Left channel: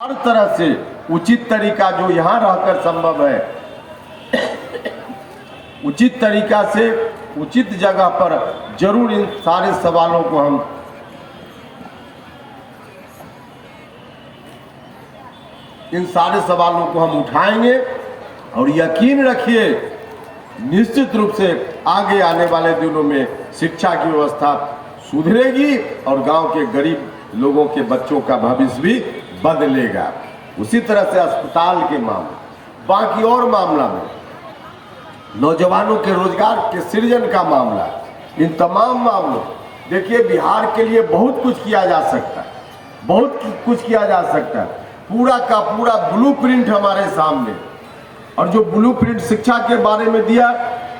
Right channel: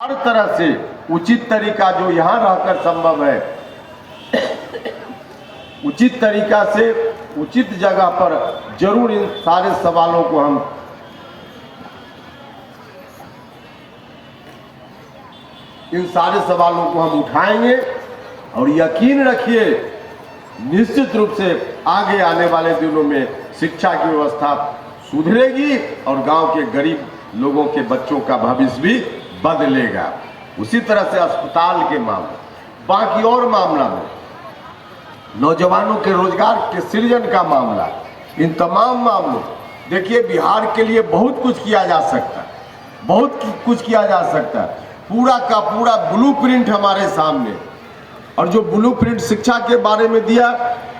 हर तरह से उचित तरीका जो यहाँ रहकर संभव है, उचित तरीका से उचित जगह पर जरूर इन सारे सवालों को हम उठाएंगे और यकीन रखिए निश्चित रूप से आगे आने वाले दिनों में शिक्षा की व्यवस्था सुधरेगी और गांव के गरीब लोगों के बच्चों का भविष्य भी बदलेगा। उसी तरह से अस्पताल के मामले, बाकी और मामला में नौजवानों के रोजगार के सृजन का मामला, इन तमाम मामलों देखिए बिहार के लिए बहुत कुछ किया जा सकता है, बहुत कुछ किया जा सकता है। पूरा का पूरा ब्लूप्रिंट हमारे सामने, और जो ब्लूप्रिंट शिक्षा के बारे में दिया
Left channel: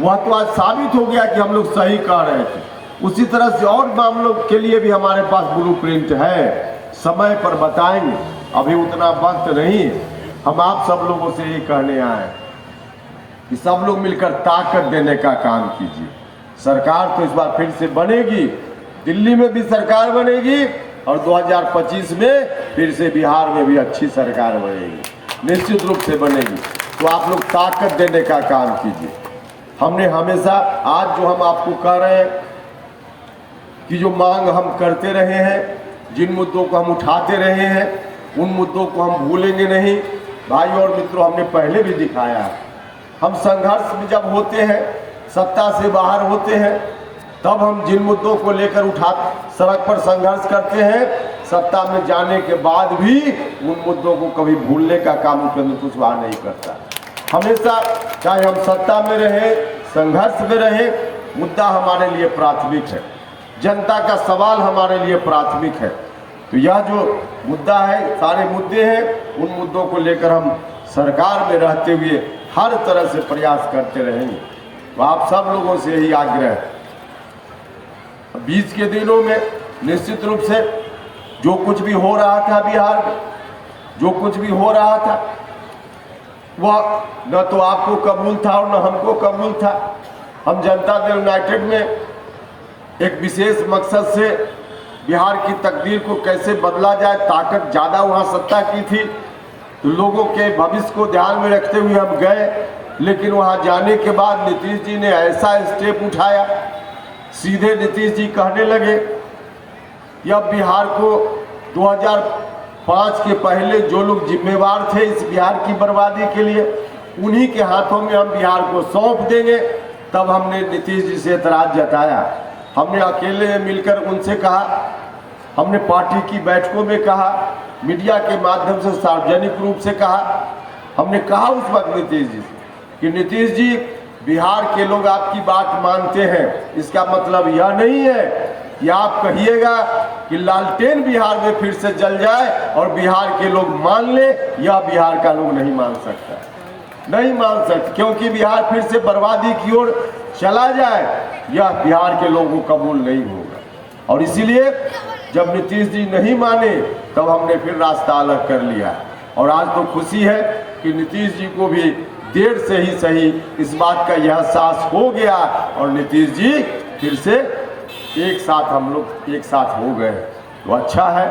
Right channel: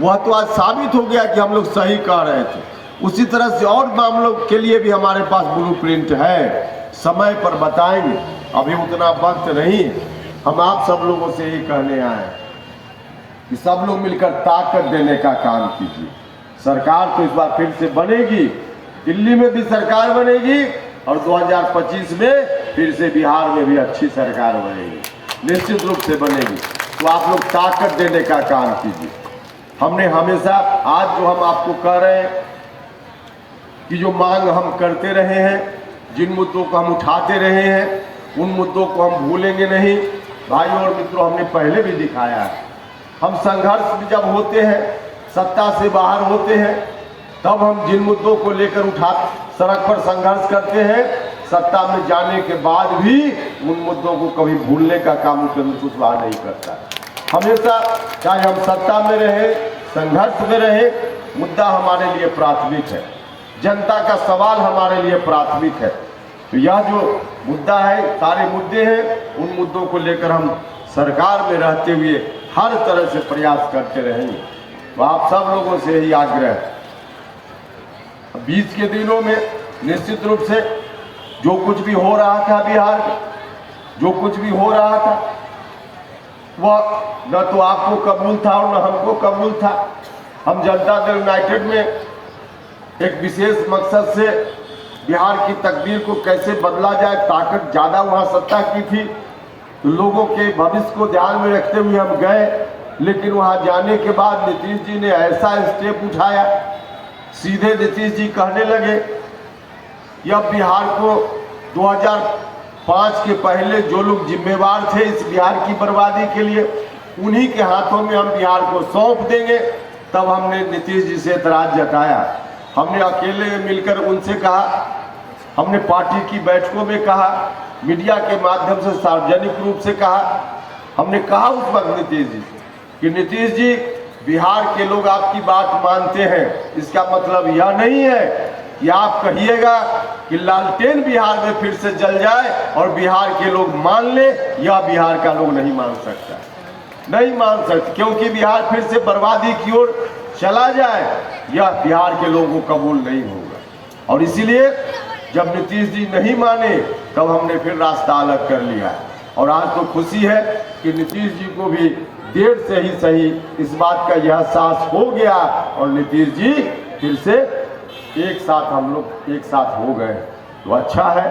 वह तो आज साबित हो गया कि हम लोग सही कह रहे थे। उसी तरह से और मामलों के लिए भी हमारे पास ब्लूप्रिंट है, समय पर बताएंगे, अभी उतना वक्त नहीं है। हम आप सब लोगों से ये कहने आए कि सब लोग मिलकर ताकत देने का काम कीजिए। सरकार तो इस बार फिर से बनेगी, दिल्ली में भी सरकार बनेगी और 2025 में फिर से बिहार में भी अच्छी सरकार बनेगी, निश्चित रूप से बनेगी। तो आप लोग ताकत देने का काम कीजिए। हमने हमेशा, आज जो हम आपको कह रहे हैं कि जो मांग हम करते रहे हैं, जिन मुद्दों को हम उठाते रहे हैं, उन मुद्दों को हम भूलेंगे नहीं। भाई और मित्रों, हमने पहले भी दिखाया है, हम संघर्ष में जब होते हैं, सत्ता से बाहर होते हैं, तब हम जिन मुद्दों को लेकर सड़क पर संघर्ष करते हैं, सत्ता में जाने के बाद भी उन मुद्दों को कभी भूलने का काम उपेंद्र कुशवाहा नहीं करता। हमेशा चाहे हम सत्ता में रहे, संघर्ष में रहे, मुद्दा हमारे लिए प्राथमिक है, जनता का सवाल हमारे लिए प्राथमिक है। तो यह जो मुद्दा है, सारे मुद्दे हैं, उन मुद्दों को लेकर हम सरकार में रहते हुए हर तरह से प्रयास करते रहेंगे। तो आप सब लोगों से यही आग्रह है, बीच के दिनों में निश्चित रूप से जो कुछ भी हो रहा था बिहार में, जो कुछ भी हो रहा था वह न तो आपको कबूल था और न हमको कबूल था। हम जनता दल यूनाइटेड में एक विशेष मकसद से बिहार की तकदीर को कैसे बदला जाए, ताकत ज़्यादा वहाँ सत्ता की थी, तो लोगों के भविष्य को ध्यान में रखते हुए हम गए। लेकिन वहाँ जाने के बाद नीतीश जी ने ऐसा स्टेप उठाया, सीधे नीतीश जी कहने लगे कि अब बिहार को 2005 के पहले जो लोग जिम्मेवार थे इस बिहार की बर्बादी के लिए, उन्हीं के हाथों में हम बिहार को सौंप देंगे। तब हमने नीतीश जी से एतराज जताया, हमने अकेले मिलकर उनसे कहा, हमने पार्टी की बैठकों में कहा, मीडिया के माध्यम से सार्वजनिक रूप से कहा। हमने कहा उस वक्त नीतीश जी से कि नीतीश जी, बिहार के लोग आपकी बात मानते हैं, इसका मतलब यह नहीं है कि आप कहिएगा कि लालटेन बिहार में फिर से जल जाए और बिहार के लोग मान ले। यह बिहार का लोग नहीं मान सकता, नहीं मान सकते, क्योंकि बिहार फिर से बर्बादी की ओर चला जाए, यह बिहार के लोगों को कबूल नहीं होगा। और इसीलिए जब नीतीश जी नहीं माने तब हमने फिर रास्ता अलग कर लिया। और आज तो खुशी है कि नीतीश जी को भी देर से ही सही इस बात का यह एहसास हो गया और नीतीश जी फिर से एक साथ, हम लोग एक साथ हो गए। तो अच्छा है,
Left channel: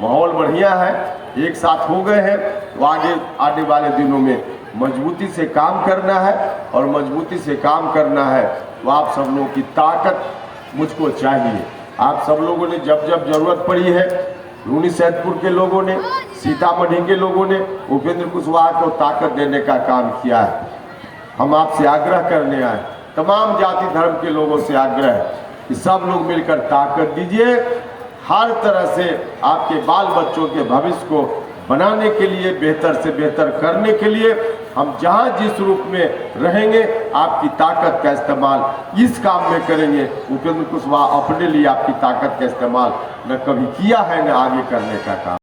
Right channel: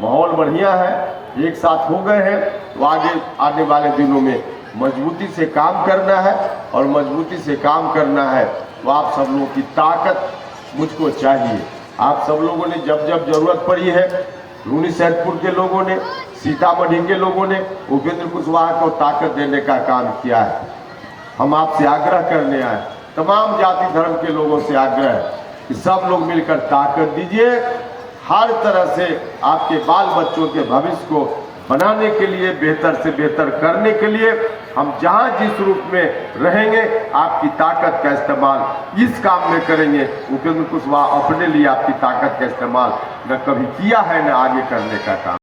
माहौल बढ़िया है, एक साथ हो गए हैं। तो आगे आने वाले दिनों में मजबूती से काम करना है, और मजबूती से काम करना है तो आप सब लोगों की ताकत मुझको चाहिए। आप सब लोगों ने जब जब जरूरत पड़ी है, रूनीसैदपुर के लोगों ने, सीतामढ़ी के लोगों ने उपेंद्र कुशवाहा को ताकत देने का काम किया है। हम आपसे आग्रह करने आए, तमाम जाति धर्म के लोगों से आग्रह है कि सब लोग मिलकर ताकत दीजिए। हर तरह से आपके बाल बच्चों के भविष्य को बनाने के लिए, बेहतर से बेहतर करने के लिए हम जहां जिस रूप में रहेंगे, आपकी ताकत का इस्तेमाल इस काम में करेंगे। उपेंद्र कुशवाहा अपने लिए आपकी ताकत का इस्तेमाल न कभी किया है, न आगे करने का काम।